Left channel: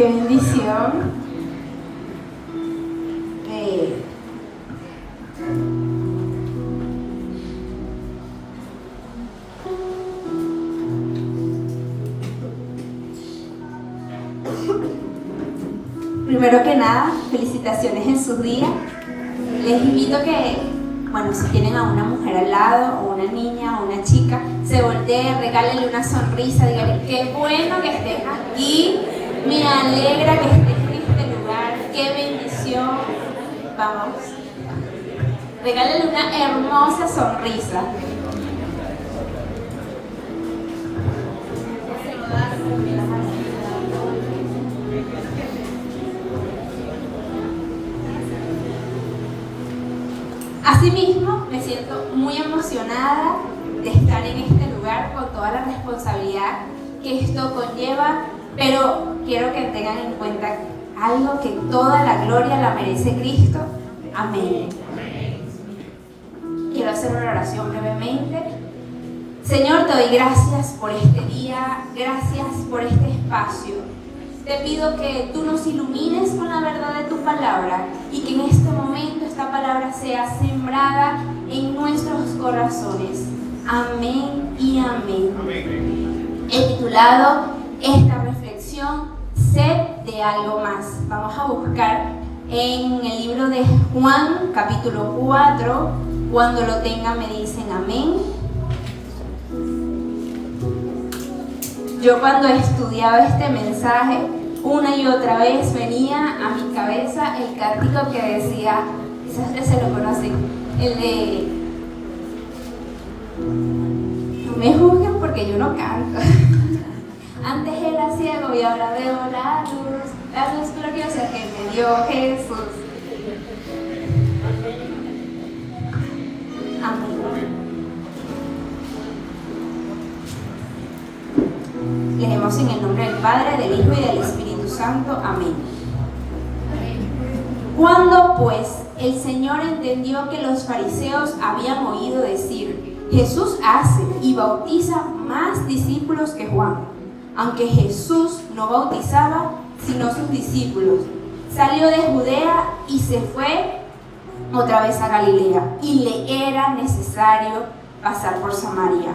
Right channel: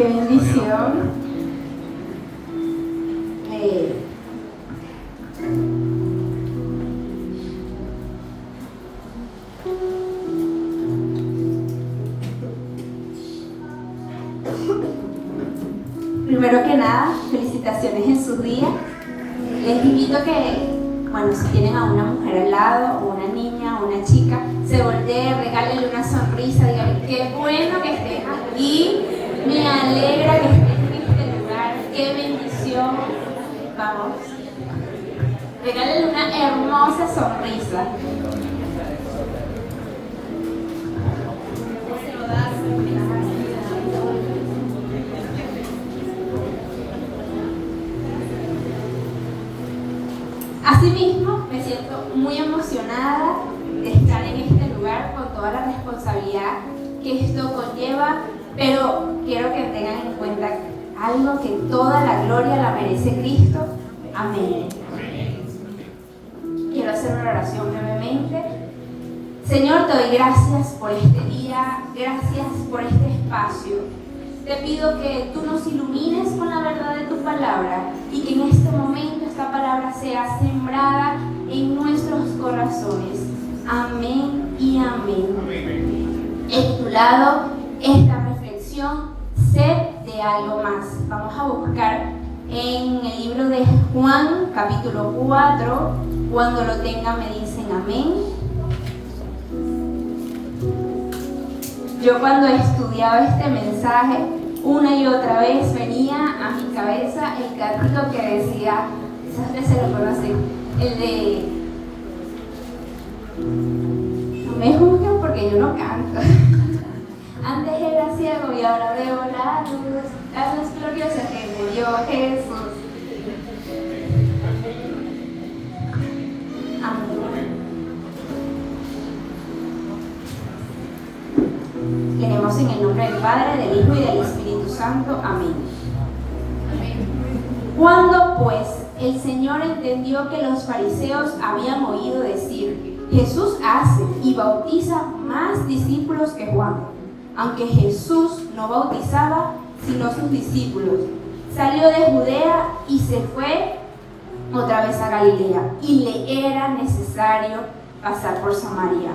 qué bendición. Primero que nada, felicitaciones en su día. Les invito a que, bueno, si tienen a una mujer al lado, o una niña, o una chica, se volteen, regálenle una sonrisa, díganle qué bueno que estés aquí, me alegra que estés en este lugar, qué bendición. Vamos, regálenle una hermosa sonrisa. Asimismo, me siento muy emocionada de estar en este lugar con toda la responsabilidad que esto conlleva, pero quiero que tengan en cuenta algo, que toda la gloria la merece Cristo. Amén. Quiero hacer una oración brevemente. Señor, te doy gracias por este día, gracias por este espacio. Te pido que tú nos ilumines con la verdad de tu palabra y que en este momento esta palabra sea sembrada en nuestros corazones. Amén y amén. He titulado esta reflexión, Sed de algo más. Vamos a buscar en el libro de Juan, capítulo 4. Cuando lo tengan me dicen amén. Yo cuando estudiaba este mensaje, una y otra vez venía a mi cabeza el cantito que decía, quizás ustedes se lo conocen, el de no me juzguen porque yo no canto. Antes era ciego y ahora veo la luz gloriosa que me dio Jesús. Leemos en el nombre del Padre, del Hijo y del Espíritu Santo. Amén. Cuando pues el Señor entendió que los fariseos habían oído decir, Jesús hace y bautiza más discípulos que Juan, aunque Jesús no bautizaba sino sus discípulos, salió de Judea y se fue otra vez a Galilea, y le era necesario pasar por Samaria.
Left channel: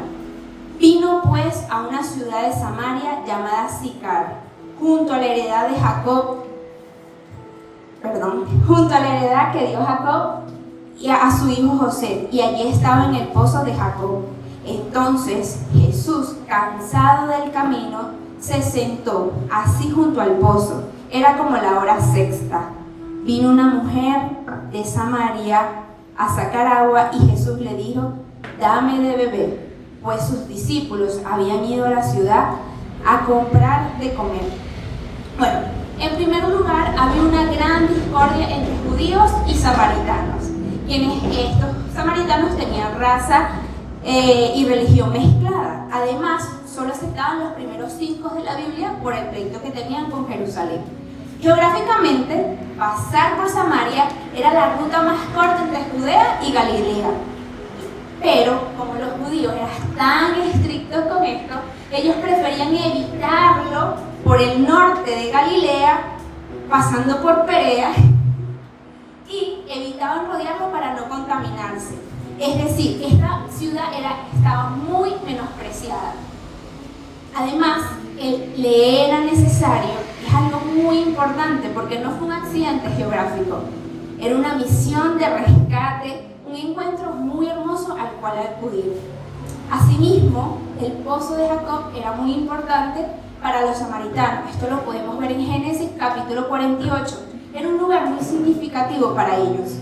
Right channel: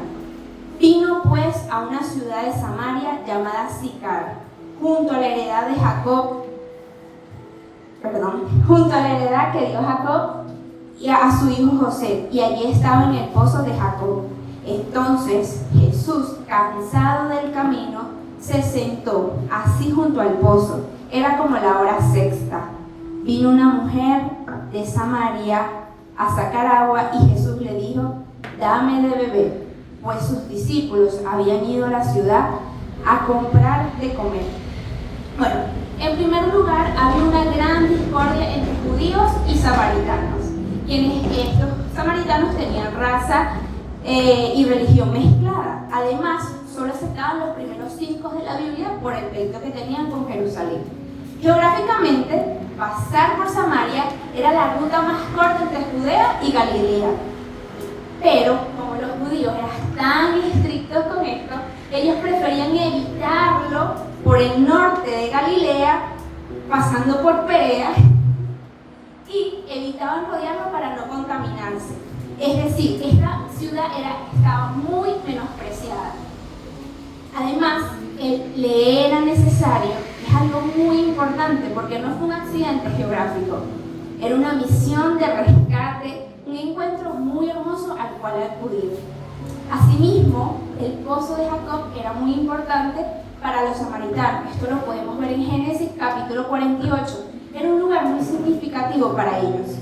Vino pues a una ciudad de Samaria llamada Sicar, junto a la heredad que dio Jacob y a su hijo José, y allí estaba en el pozo de Jacob. Entonces Jesús, cansado del camino, se sentó así junto al pozo. Era como la hora sexta. Vino una mujer de Samaria a sacar agua, y Jesús le dijo, dame de beber, pues sus discípulos habían ido a la ciudad a comprar de comer. Bueno, en primer lugar, había una gran discordia entre judíos y samaritanos. Estos samaritanos tenían raza y religión mezclada. Además, solo aceptaban los primeros 5 de la Biblia por el pleito que tenían con Jerusalén. Geográficamente, pasar por Samaria era la ruta más corta entre Judea y Galilea. Pero, como los judíos eran tan estrictos con esto, ellos preferían evitarlo por el norte de Galilea, pasando por Perea, y evitaban rodearlo para no contaminarse. Es decir, esta ciudad estaba muy menospreciada. Además, le era necesario, es algo muy importante porque no fue un accidente geográfico, era una misión de rescate, un encuentro muy hermoso al cual acudir. Asimismo, el pozo de Jacob era muy importante para los samaritanos. Esto lo podemos ver en Génesis capítulo 48. Era un lugar muy significativo para ellos.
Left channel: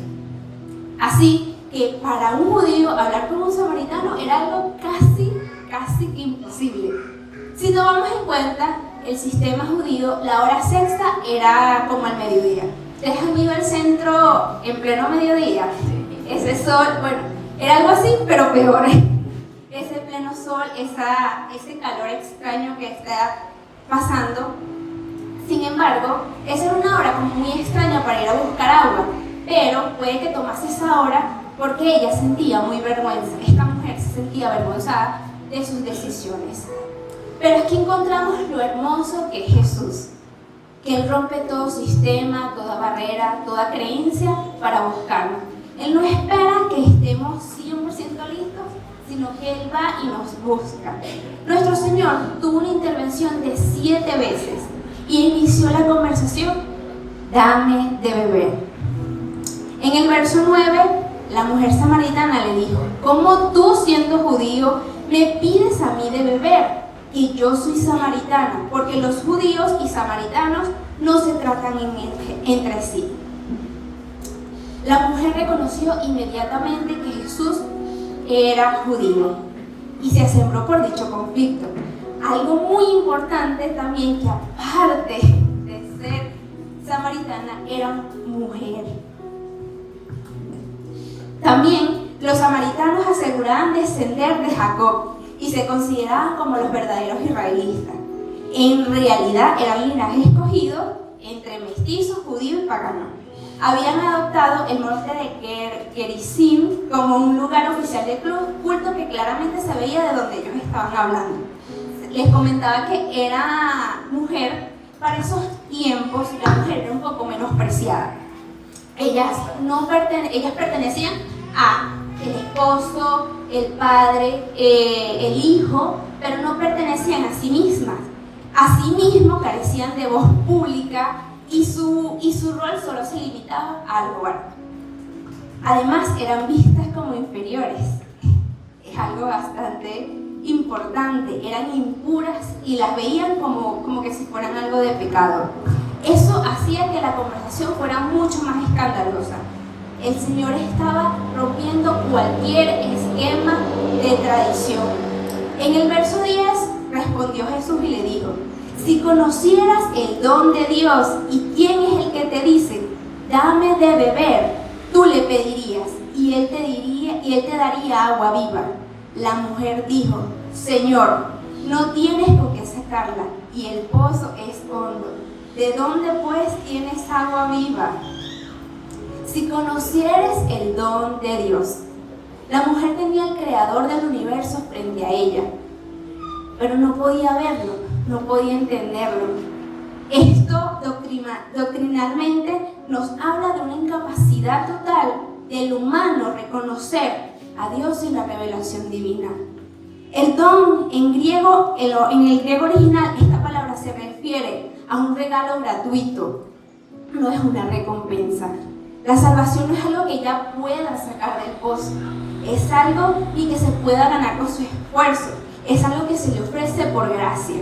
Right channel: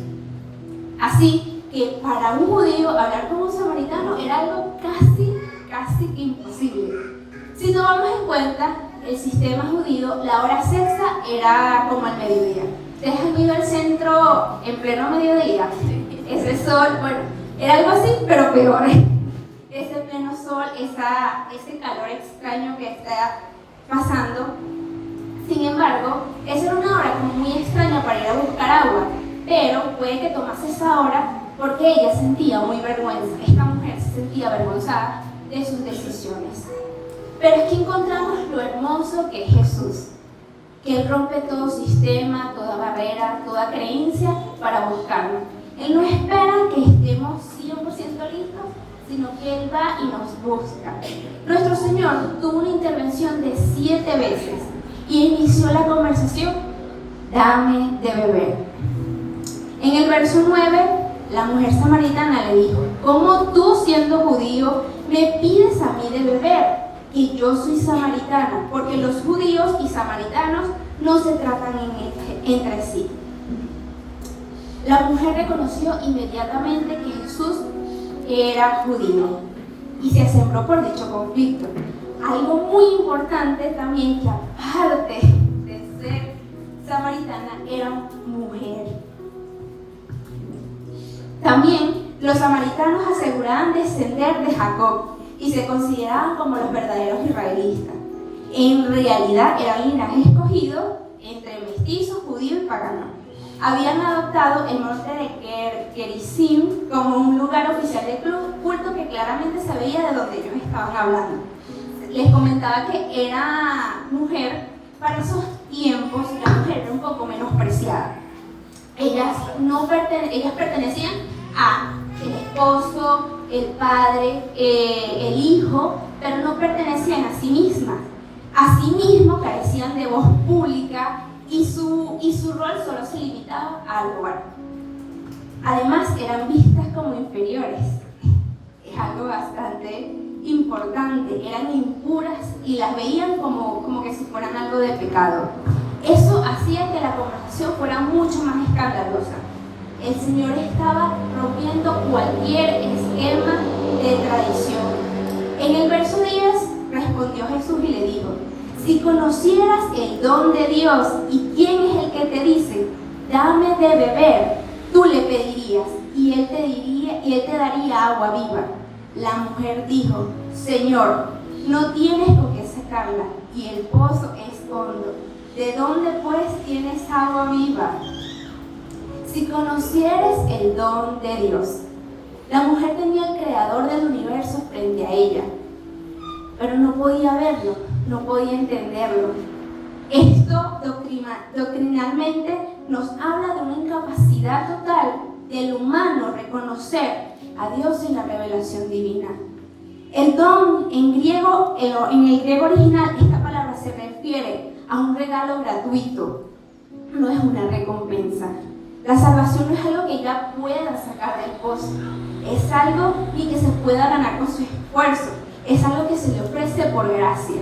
Así que para un judío hablar con un samaritano era algo casi imposible. Si tomamos en cuenta el sistema judío, la hora sexta era como el mediodía. ¿Ustedes han ido al centro en pleno mediodía? Ese sol, bueno, era algo así, pero peor. Ese pleno sol, ese calor extraño que está pasando. Sin embargo, esa era una hora como muy extraña para ir a buscar agua, pero puede que tomase esa hora porque ella sentía muy vergüenza. Esta mujer se sentía avergonzada de sus decisiones. Pero aquí encontramos lo hermoso que es Jesús. que Él rompe todo sistema, toda barrera, toda creencia para buscarnos. Él no espera que estemos 100% listos, sino que Él va y nos busca. Nuestro Señor tuvo una intervención de 7 veces y inició la conversación: dame de beber. En el verso 9, la mujer samaritana le dijo: ¿cómo tú, siendo judío, me pides a mí de beber? Y yo soy samaritana, porque los judíos y samaritanos no se tratan entre sí. La mujer reconoció inmediatamente que Jesús era judío y se asombró por dicho conflicto. Algo muy importante también, que aparte de ser samaritana, era mujer. También los samaritanos aseguraban descender de Jacob y se consideraban como los verdaderos israelitas. En realidad eran linaje escogido entre mestizos, judíos y paganos. Habían adoptado el monte de Gerizim como un lugar oficial de culto que claramente se veía de donde ellos estaban hablando. Les comentaba que era mujer. Para esos tiempos la mujer era un poco menospreciada. Ellas pertenecían a el esposo, el padre, el hijo, pero no pertenecían a sí mismas. Asimismo carecían de voz pública y su rol solo se limitaba al hogar. Además eran vistas como inferiores. Es algo bastante importante. Eran impuras y las veían como que si fueran algo de pecado. Eso hacía que la conversación fuera mucho más escandalosa. El Señor estaba rompiendo cualquier esquema de tradición. En el verso 10 respondió Jesús y le dijo: si conocieras el don de Dios y quién es el que te dice, dame de beber, tú le pedirías y él te daría agua viva. La mujer dijo: Señor, no tienes con qué sacarla y el pozo es hondo. ¿De dónde pues tienes agua viva? Si conocieres el don de Dios. La mujer tenía al creador del universo frente a ella, pero no podía verlo, no podía entenderlo. Esto doctrinalmente nos habla de una incapacidad total del humano reconocer a Dios en la revelación divina. El don en el griego original, esta palabra se refiere a un regalo gratuito, no es una recompensa. La salvación no es algo que ella pueda sacar del pozo, es algo ni que se pueda ganar con su esfuerzo, es algo que se le ofrece por gracia.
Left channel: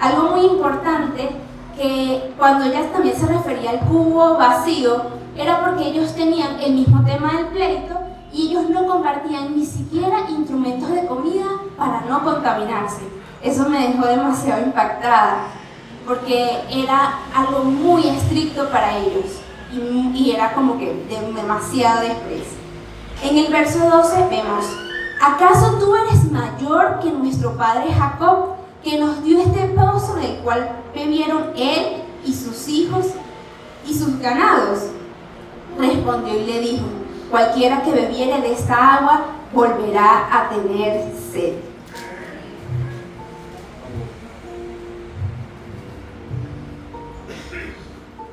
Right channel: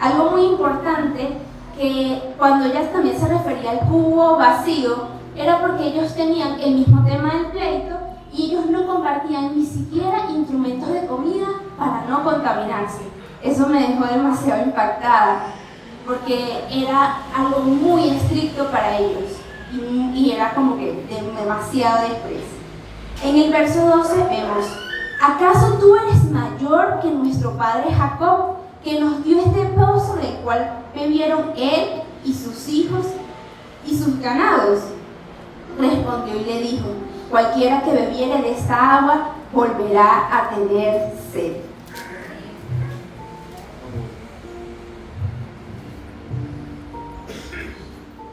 Algo muy importante, que cuando ella también se refería al cubo vacío, era porque ellos tenían el mismo tema del pleito y ellos no compartían ni siquiera instrumentos de comida para no contaminarse. Eso me dejó demasiado impactada, porque era algo muy estricto para ellos y era como que demasiado desprecio. En el verso 12 vemos: ¿acaso tú eres mayor que nuestro padre Jacob, que nos dio este pozo del cual bebieron él y sus hijos y sus ganados? Respondió y le dijo: cualquiera que bebiere de esta agua volverá a tener sed.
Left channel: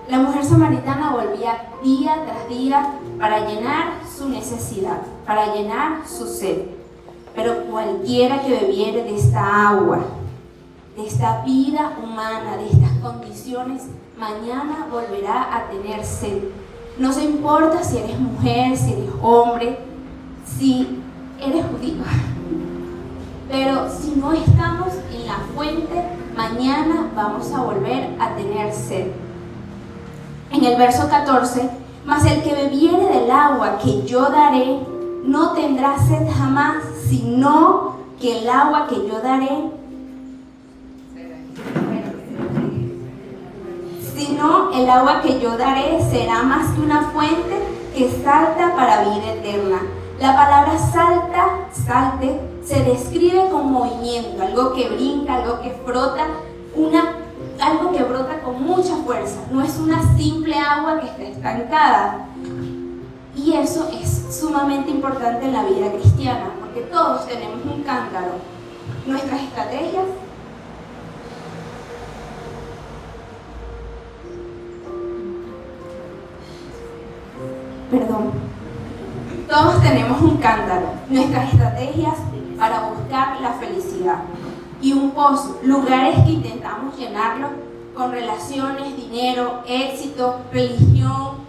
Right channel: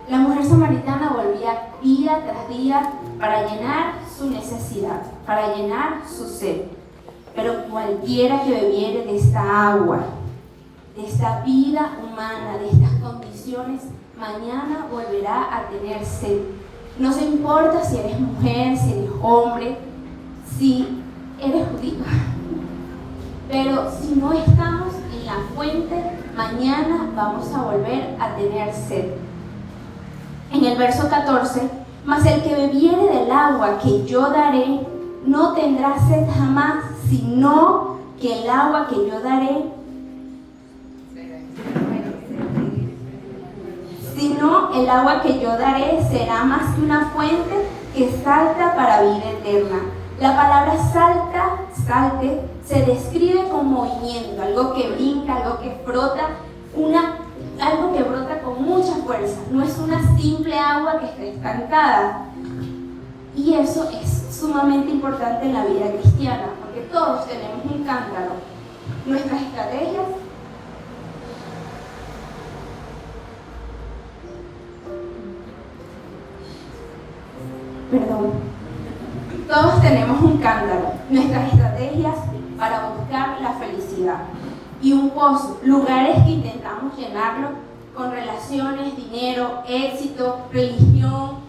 La mujer samaritana volvía día tras día para llenar su necesidad, para llenar su sed. Pero cualquiera que bebiere de esta agua, de esta vida humana, de estas condiciones, mañana volverá a tener sed. No se importa si eres mujer, si eres hombre, si eres judío. Pero si no estamos en la fuente, mañana vamos a volver a tener sed. En el verso 14, mas el que bebiere del agua que yo daré, no tendrá sed jamás, sino que el agua que yo daré, el agua que yo daré será más que una fuente que salta para vida eterna. La palabra salte, se describe con movimiento, algo que brinca, algo que frota, algo que brota con mucha fuerza. No es una simple agua que está estancada. Y eso es sumamente importante en la vida cristiana, porque todos tenemos un cántaro. Nuestras estrategias Todos tenemos un cántaro, nuestras estrategias para buscar la felicidad, y un pozo, lugares que intentamos llenarlo con relaciones, dinero, éxito, religión,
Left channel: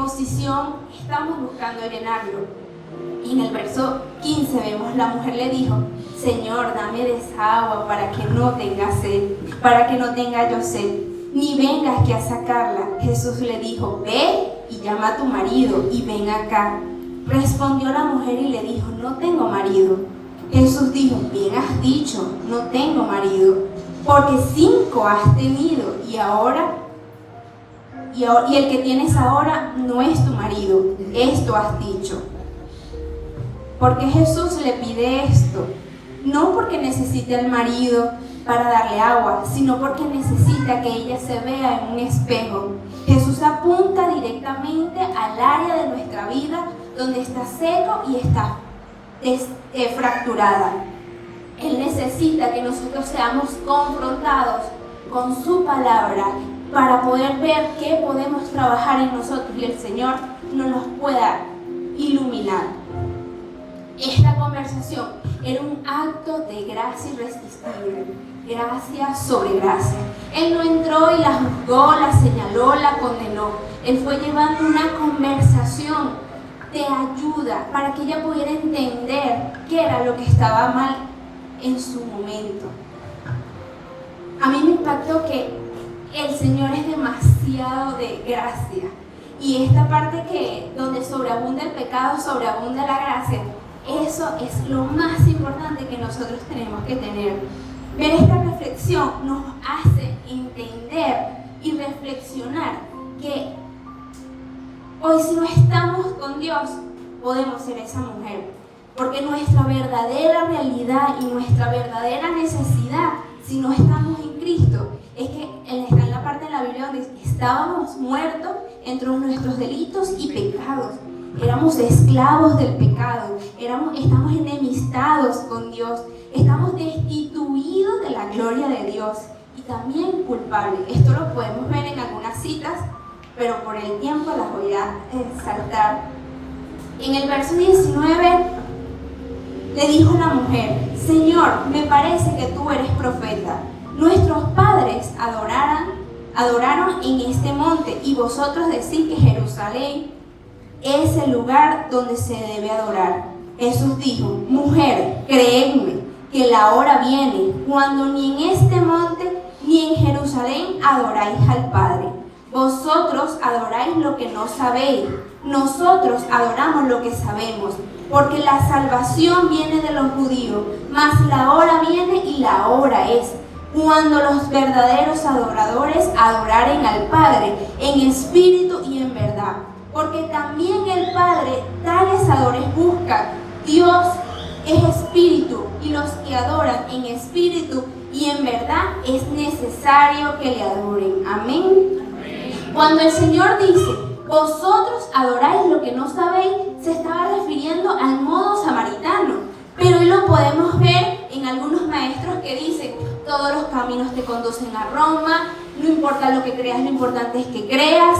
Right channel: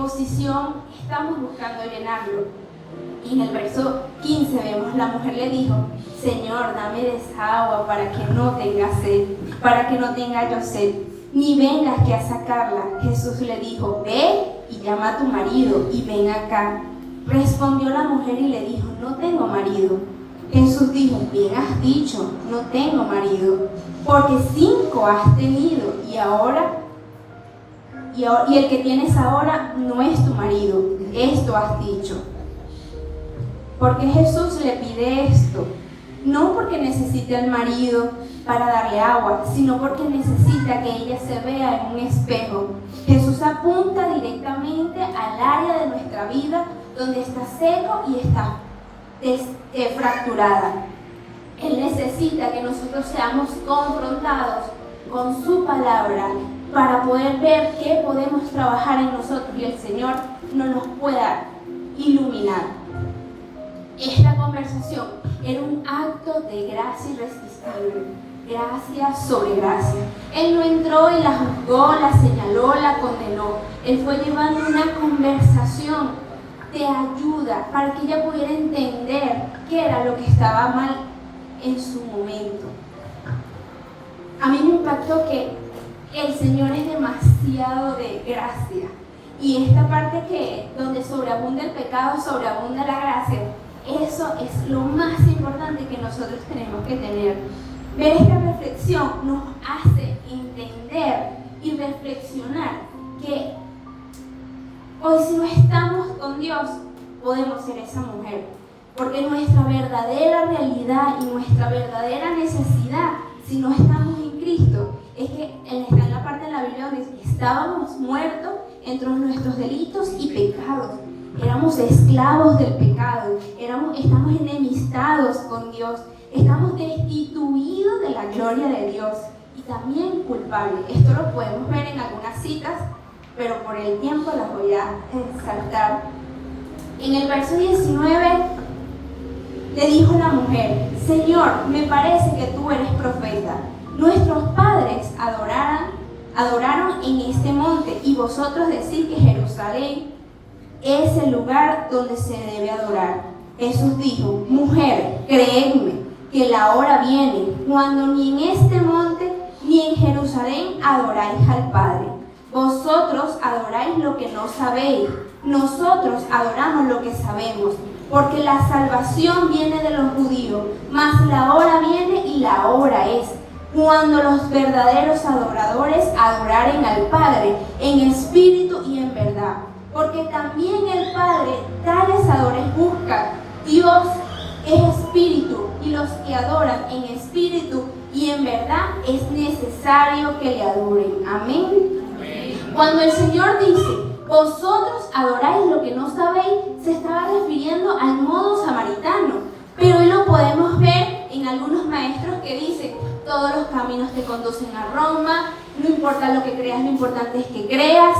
posición. Estamos buscando llenarlo. Y en el verso 15 vemos, la mujer le dijo: Señor, dame de esa agua para que no tenga sed, para que no tenga yo sed, ni vengas que a sacarla. Jesús le dijo: ve y llama a tu marido y ven acá. Respondió la mujer y le dijo: no tengo marido. Jesús dijo: bien has dicho, no tengo marido, porque 5 has tenido y el que tienes ahora no es tu marido. Esto has dicho. Porque Jesús le pide esto, no porque necesite al marido para darle agua, sino porque necesita que ella se vea en un espejo. Jesús apunta directamente al área de nuestra vida donde está seco y está fracturada. Él necesita que nosotros seamos confrontados con su palabra para poder ver qué podemos trabajar en nosotros y el Señor nos pueda iluminar. Esta conversación era un acto de gracia irresistible, gracia sobre gracia. Él no entró y la juzgó, la señaló, la condenó. Él fue llevando una conversación de ayuda para que ella pudiera entender qué era lo que estaba mal en su momento. A mí me impactó que el Señor es demasiado de gracia, y esta parte donde sobreabunda el pecado, sobreabunda la gracia, eso es lo más importante que nosotros tenemos que tener. Ver esta reflexión nos hace entender y reflexionar que hoy, si no estamos con Dios, podemos ser esa mujer, porque nuestra verdadera realidad y nuestra verdadera necesidad, si no estamos en Cristo, es que está en la parte de la Biblia donde estábamos muertos entre nuestros delitos y pecados. Éramos esclavos del pecado, estamos enemistados con Dios, estamos destituidos de la gloria de Dios y también culpables. Esto lo podemos ver en algunas citas, pero por el tiempo las voy a saltar. En el verso 19 le dijo la mujer: Señor, me parece que tú eres profeta. Nuestros padres adoraron en este monte, y vosotros decís que Jerusalén es el lugar donde se debe adorar. Jesús dijo: mujer, creedme que la hora viene cuando ni en este monte ni en Jerusalén adoráis al Padre. Vosotros adoráis lo que no sabéis, nosotros adoramos lo que sabemos, porque la salvación viene de los judíos, mas la hora viene y la hora es cuando los verdaderos adoradores adoraren al Padre en espíritu y en verdad, porque también el Padre tales adores busca. Dios es espíritu, y los que adoran en espíritu y en verdad es necesario que le adoren. Amén. Cuando el Señor dice: vosotros adoráis lo que no sabéis, se estaba refiriendo al modo samaritano, pero hoy lo podemos ver en algunos maestros que dicen: todos los caminos te conducen a Roma, no importa lo que creas, lo importante es que creas.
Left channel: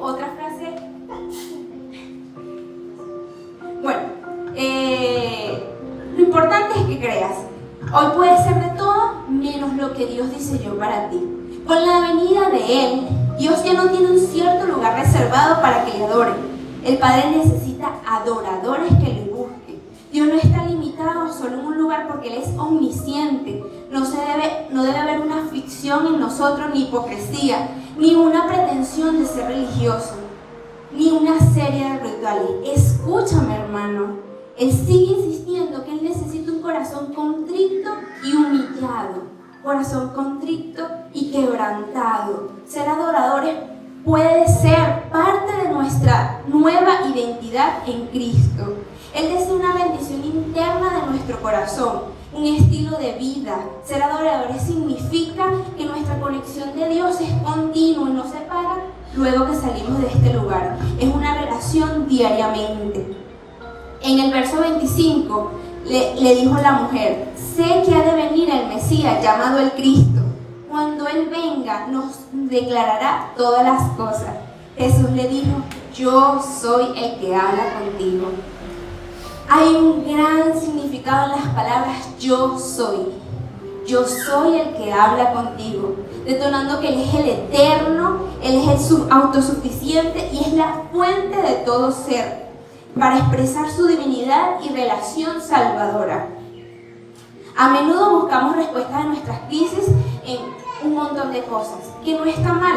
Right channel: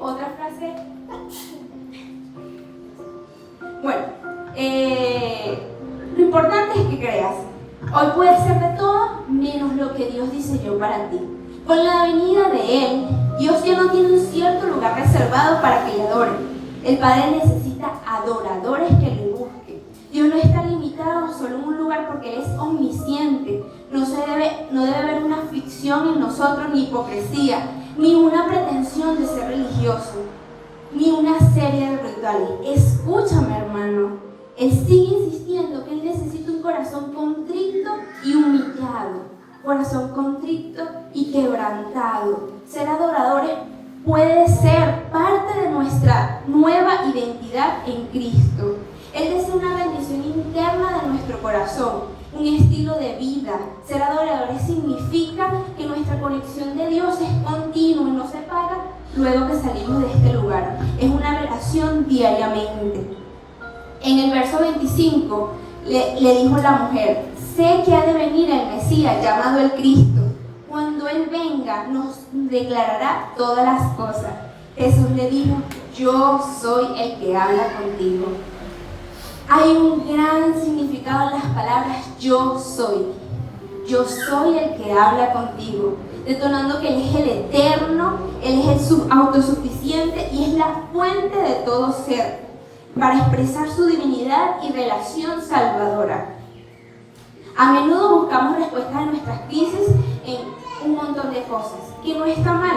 Otra frase, lo importante es que creas. Hoy puede ser de todo menos lo que Dios diseñó para ti. Con la venida de Él, Dios ya no tiene un cierto lugar reservado para que le adoren. El Padre necesita adoradores que le busquen. Dios no está limitado solo en un lugar, porque Él es omnisciente. No debe haber una ficción en nosotros, ni hipocresía, ni una pretensión de ser religioso, ni una serie de rituales. Escúchame, hermano. Él sigue insistiendo que Él necesita un corazón contrito y humillado. Corazón contrito y quebrantado. Ser adoradores puede ser parte de nuestra nueva identidad en Cristo. Él desea una bendición interna de nuestro corazón, un estilo de vida. Ser adoradores significa que nuestra conexión de Dios es continua y no se para luego que salimos de este lugar. Es una relación diariamente. En el verso 25 le dijo la mujer: sé que ha de venir el Mesías, llamado el Cristo. Cuando Él venga, nos declarará todas las cosas. Jesús le dijo: yo soy el que habla contigo. Hay un gran significado en las palabras yo soy. Yo soy el que habla contigo, detonando que Él es el eterno, Él es el autosuficiente y es la fuente de todo ser, para expresar su divinidad y relación salvadora. A menudo buscamos respuestas a nuestras crisis en un montón de cosas, que no está mal,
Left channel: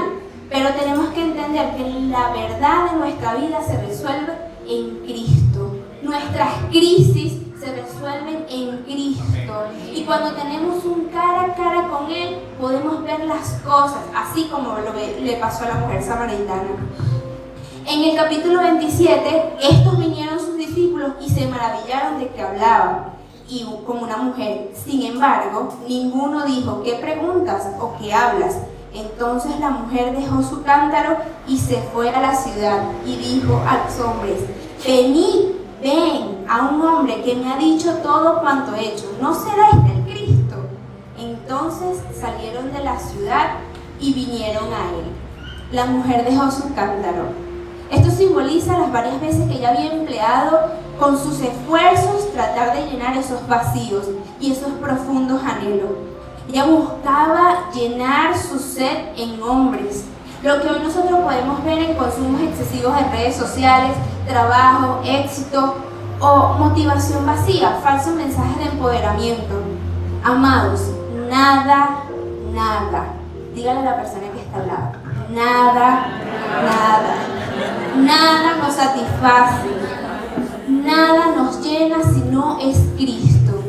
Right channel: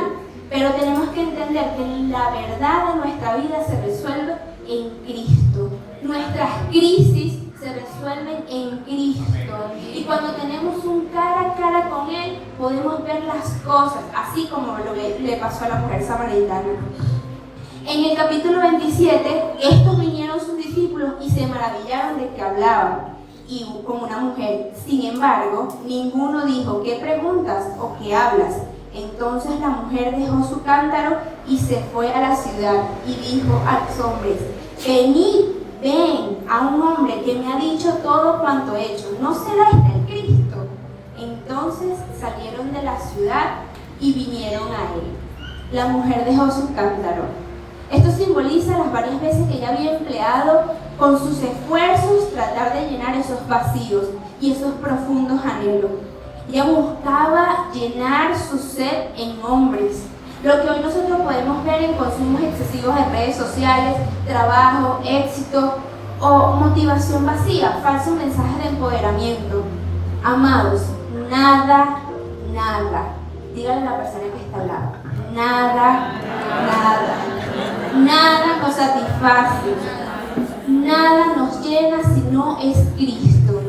pero tenemos que entender que la verdad de nuestra vida se resuelve en Cristo. Nuestras crisis se resuelven en Cristo. Y cuando tenemos un cara a cara con Él, podemos ver las cosas, así como lo que le pasó a la mujer samaritana. En el capítulo 27, estos vinieron sus discípulos y se maravillaron de que hablaba y como una mujer. Sin embargo, ninguno dijo: ¿qué preguntas o qué hablas? Entonces la mujer dejó su cántaro y se fue a la ciudad y dijo a los hombres: venid, ven a un hombre que me ha dicho todo cuanto he hecho. ¿No será este el Cristo? Entonces salieron de la ciudad y vinieron a él. La mujer dejó su cántaro. Esto simboliza las varias veces que ella había empleado con sus esfuerzos tratar de llenar esos vacíos y esos profundos anhelos. Ella buscaba llenar su sed en hombres. Lo que hoy nosotros podemos ver en consumos excesivos de redes sociales, trabajo, éxito o motivación vacía, falsos mensajes de empoderamiento. Amados, nada, dígale a la persona que está al lado, nada nos satisface, nada nos llena si no es Cristo.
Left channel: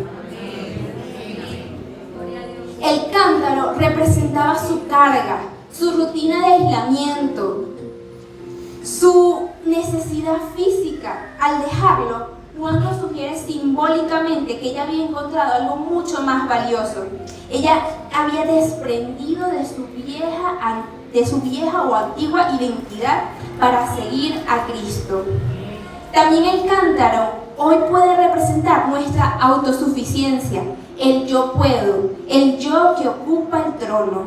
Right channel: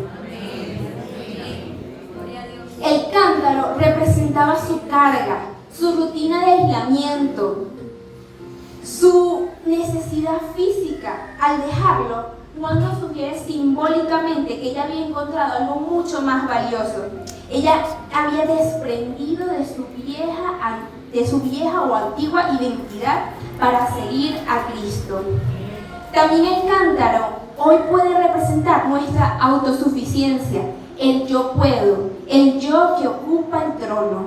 El cántaro representaba su carga, su rutina de aislamiento, su necesidad física. Al dejarlo, Juan nos sugiere simbólicamente que ella había encontrado algo mucho más valioso. Ella había desprendido de su vieja o antigua identidad para seguir a Cristo. También el cántaro hoy puede representar nuestra autosuficiencia, el yo puedo, el yo que ocupa el trono.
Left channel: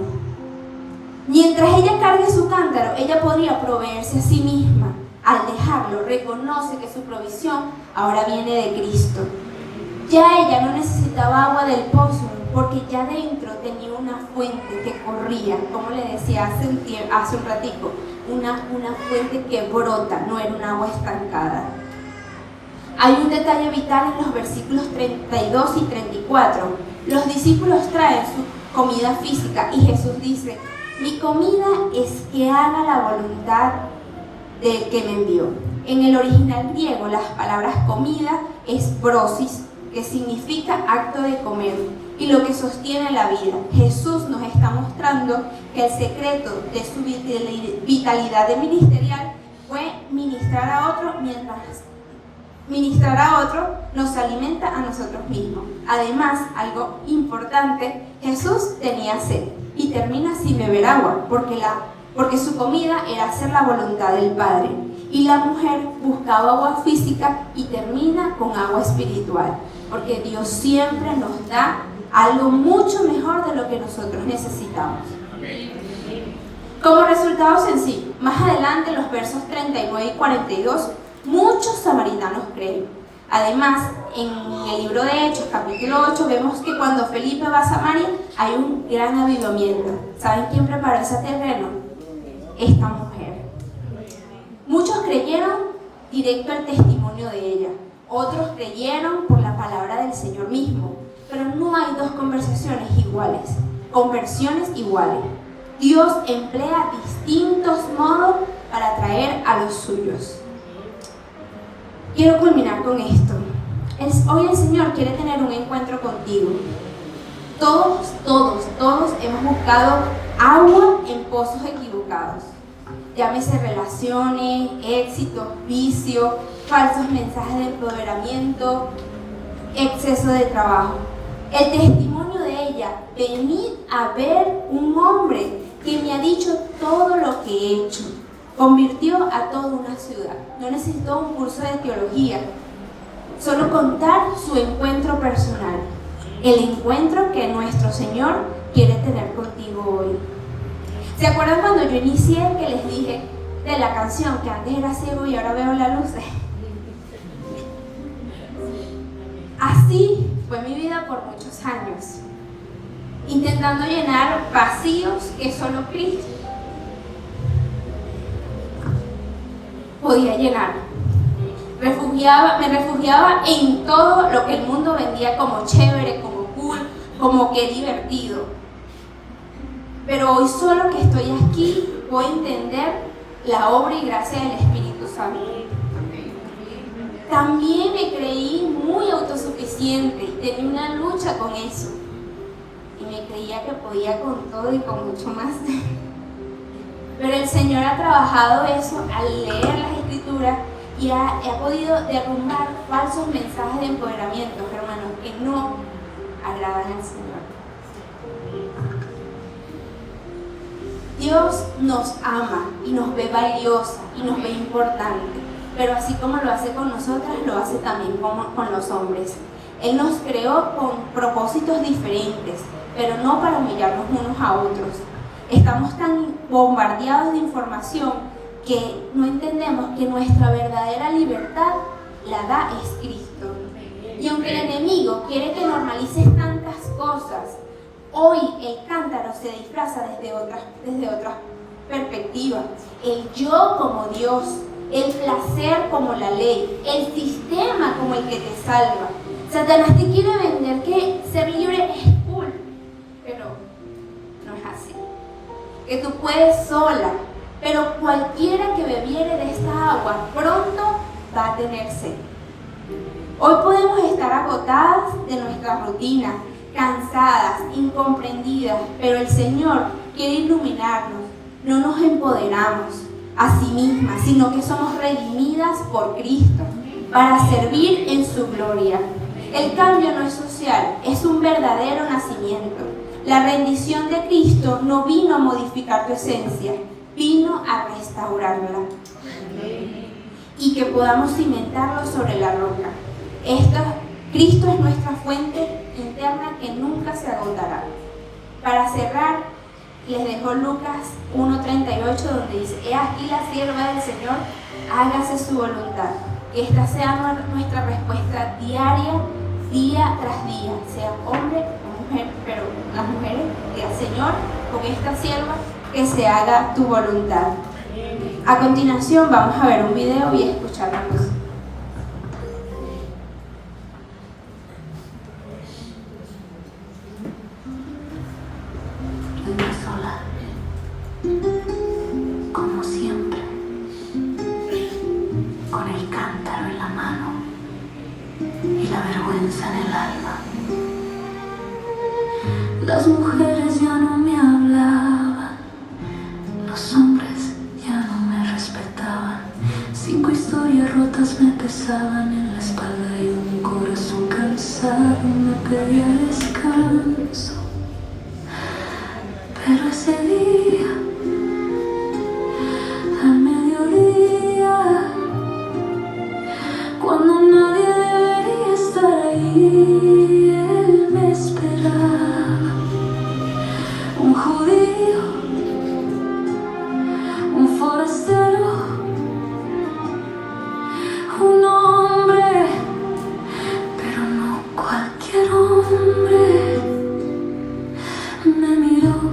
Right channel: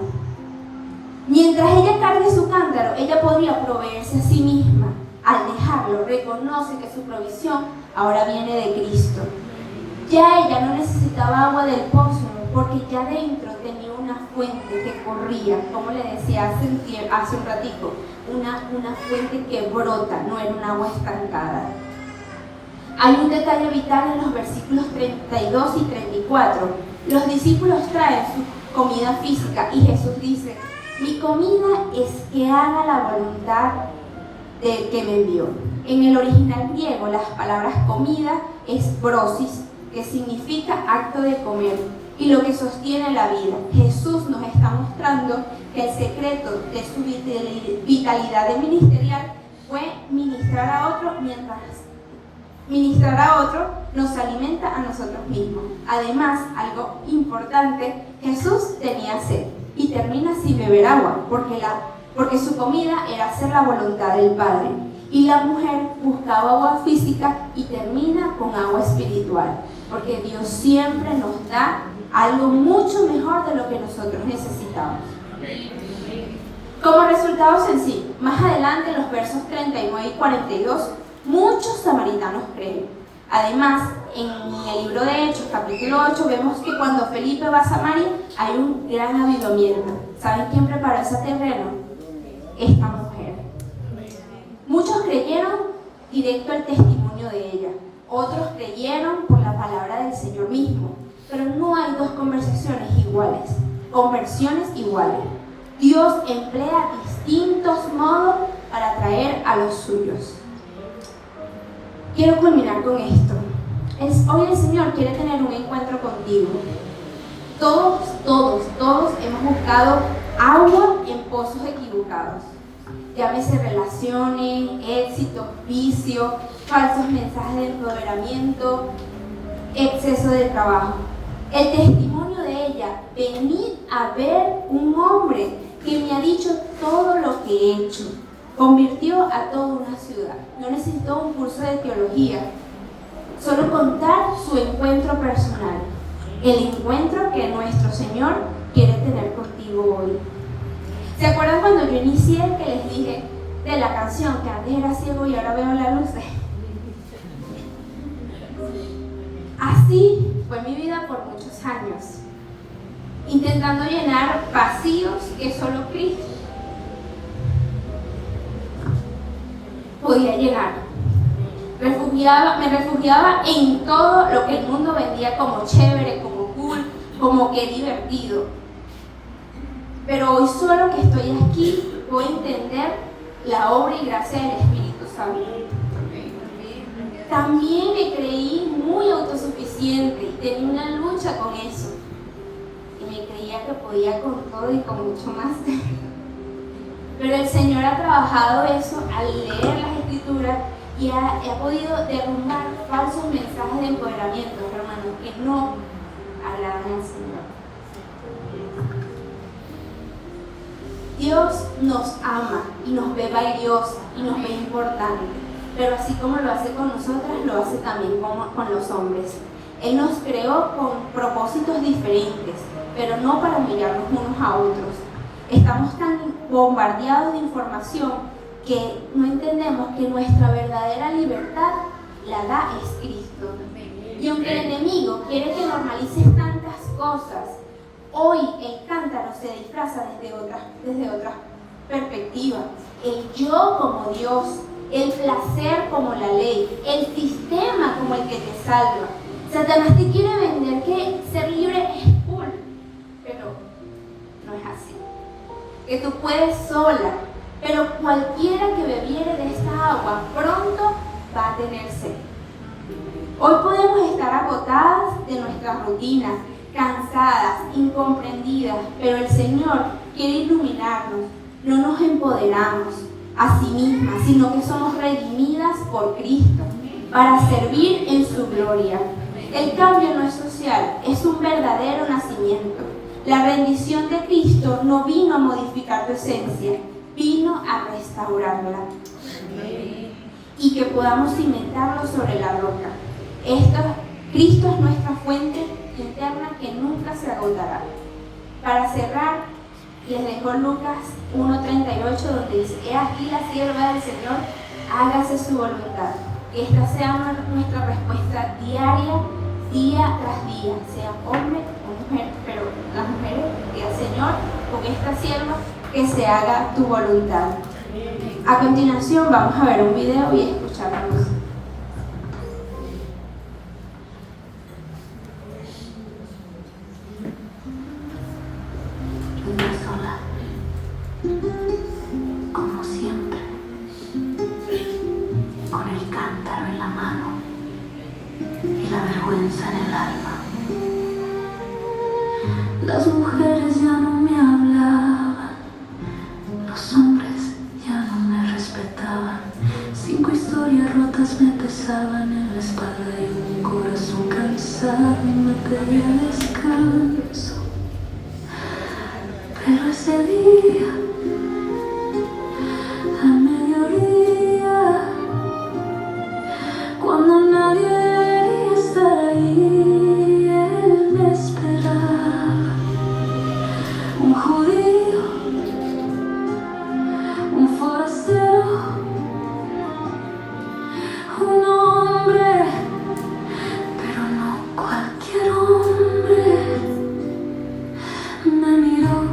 Mientras ella cargue su cántaro, ella podría proveerse a sí misma. Al dejarlo, reconoce que su provisión ahora viene de Cristo. Ya ella no necesitaba agua del pozo, porque ya dentro tenía una fuente que corría, como le decía hace un ratico, una fuente que brota, no era un agua estancada. Hay un detalle vital en los versículos 32 y 34. Los discípulos traen su comida física y Jesús dice: mi comida es que haga la voluntad del que me envió. En el original griego, las palabras comida es prosis, que significa acto de comer, y lo que sostiene la vida. Jesús nos está mostrando que el secreto de su vitalidad ministerial fue ministrar a otro, mientras ministrar a otro nos alimenta a nosotros mismos. Además, algo importante, Jesús tenía sed y termina sin beber agua, porque su comida era hacer la voluntad del Padre. Y la mujer buscaba agua física y termina con agua espiritual, porque Dios siempre nos da algo mucho mejor de lo que nosotros necesitamos. Como resultado sencillo, más adelante en los versos 39 y 42, muchos samaritanos creen. Además, en el libro de Hechos, capítulo 8, vemos que cuando Felipe va a Samaria hay un gran avivamiento. ¿Saben quién preparó ese terreno? Esta mujer. Muchos creyeron directo al testimonio de ella, otros creyeron por la palabra del Señor mismo, pero no hay dos conversiones iguales. Dios emplea distintos modos para atraer a los suyos. Quiero culminar con esto. Hoy el Señor quiere tener un encuentro contigo. Todos hemos buscado agua en pozos equivocados. Llámese relaciones, éxito, vicio, falsos mensajes de empoderamiento, exceso de trabajo. El testimonio de ella: venid a ver un hombre que me ha dicho todo lo que he hecho. Convirtió a toda una ciudad. No necesitó un curso de teología, solo contar su encuentro personal, el encuentro que nuestro Señor quiere tener contigo hoy. ¿Se acuerdan cuando yo inicié que les dije, de la canción, que antes era ciego y ahora veo las luces. Así fue mi vida por muchos años, intentando llenar vacíos que solo Cristo podía llenar. Me refugiaba en todo lo que el mundo vendía como chévere, como cool, como que divertido. Pero hoy solo que estoy aquí voy a entender la obra y gracia del Espíritu Santo. También me creí muy autosuficiente y tenía una lucha con eso. Y me creía que podía con todo y con mucho más. Pero el Señor ha trabajado eso al leer las Escrituras y ha podido derrumbar falsos mensajes de empoderamiento, hermanos, que no agradan al Señor. Dios nos ama y nos ve valiosa y nos ve importante, pero así como lo hace con nosotras, lo hace también con los hombres. Él nos creó con propósitos diferentes, pero no para mirarnos unos a otros. Estamos tan bombardeados de información que no entendemos que nuestra verdadera libertad la da es Cristo. Y aunque el enemigo quiere que normalices tantas cosas, hoy el cántaro se disfraza desde otra perspectiva. El yo como Dios, el placer como la ley, el sistema como el que te salva. Satanás te quiere vender que ser libre es cool, pero no es así. Que tú puedes sola, pero cualquiera que bebiere de esta agua pronto va a tener sed. Hoy podemos estar agotadas de nuestras rutinas, cansadas, incomprendidas, pero el Señor quiere iluminarnos. No nos empoderamos a sí mismas, sino que somos redimidas por Cristo para servir en su gloria. El cambio no es social, es un verdadero nacimiento. La rendición de Cristo no vino a modificar tu esencia, vino a restaurarla. Y que podamos cimentarlo sobre la roca. Cristo es nuestra fuente interna que nunca se agotará. Para cerrar, les dejo Lucas 1:38, donde dice: he aquí la sierva del Señor, hágase su voluntad. Que esta sea nuestra respuesta diaria, día tras día, sea hombre o mujer, pero las mujeres, que Señor, con esta sierva, que se haga tu voluntad. A continuación vamos a ver un video y escuchar la música. Sola, como siempre, con el cántaro en la mano y la vergüenza en el alma. Las mujeres ya no me hablaban, los hombres ya no me respetaban. 5 historias rotas me pesaban en la espalda y un corazón cansado me pedía descanso. Pero ese día